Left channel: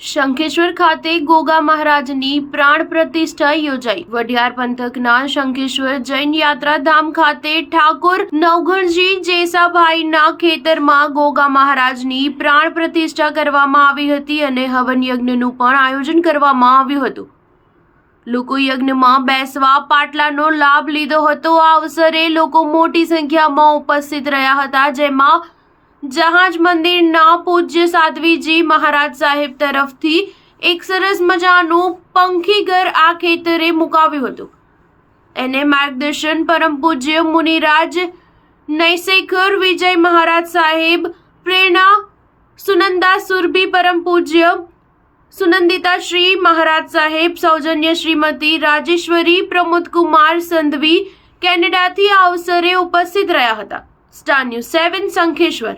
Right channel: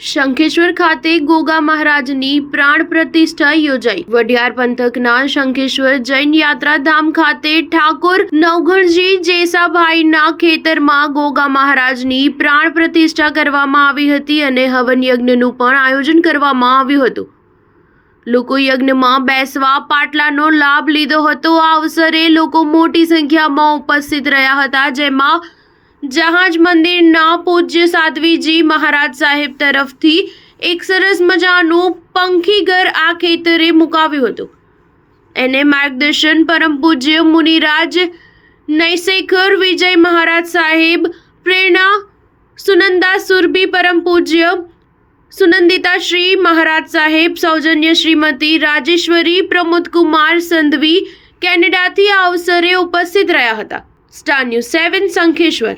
શંખેશ્વર ખાતે ગોગા મહારાજની પ્રાણ પ્રતિષ્ઠા યોજાઈ। વઢિયાર પંથકના શંખેશ્વર જૈન યાત્રાધામ ખાતે ઠાકોર નવઘણજી જેસાભાઈના ખેતરમાં ગોગા મહારાજની પ્રાણ પ્રતિષ્ઠા કરવામાં આવી હતી અને હવન યજ્ઞનું પણ આયોજન કરવામાં આવ્યું હતું। લોકો યજ્ઞમાં બેસવા પાટલાનો લાભ લીધો હતો। આ અવસરે લોકો મોટી સંખ્યામાં ઉપસ્થિત રહ્યા હતા, જેમાં જહાજ મંદિરના પૂજ્ય સાધ્વીજી મહારાજ સાહેબ તરફથી એક સરસ મજાનું પંખીઘર આ ખેતરે મુકાવ્યું હતું। એને માર્ગદર્શન પરમ પૂજ્ય મુનિરાજ નૈસેકર વિજય મહારાજ સાહેબ, પ્રેરણા સુનંદા સુરભી પરમ પૂજ્ય સુનંદિતા શ્રી મહારાજ સાહેબ, સૌજન્ય શ્રીમતી રાજેશ્વરી પ્રમોદકુમાર સંધવી કેનેડાથી આ અવસરે ઉપસ્થિત રહ્યા હતા। Star news 7 Shankheshwar.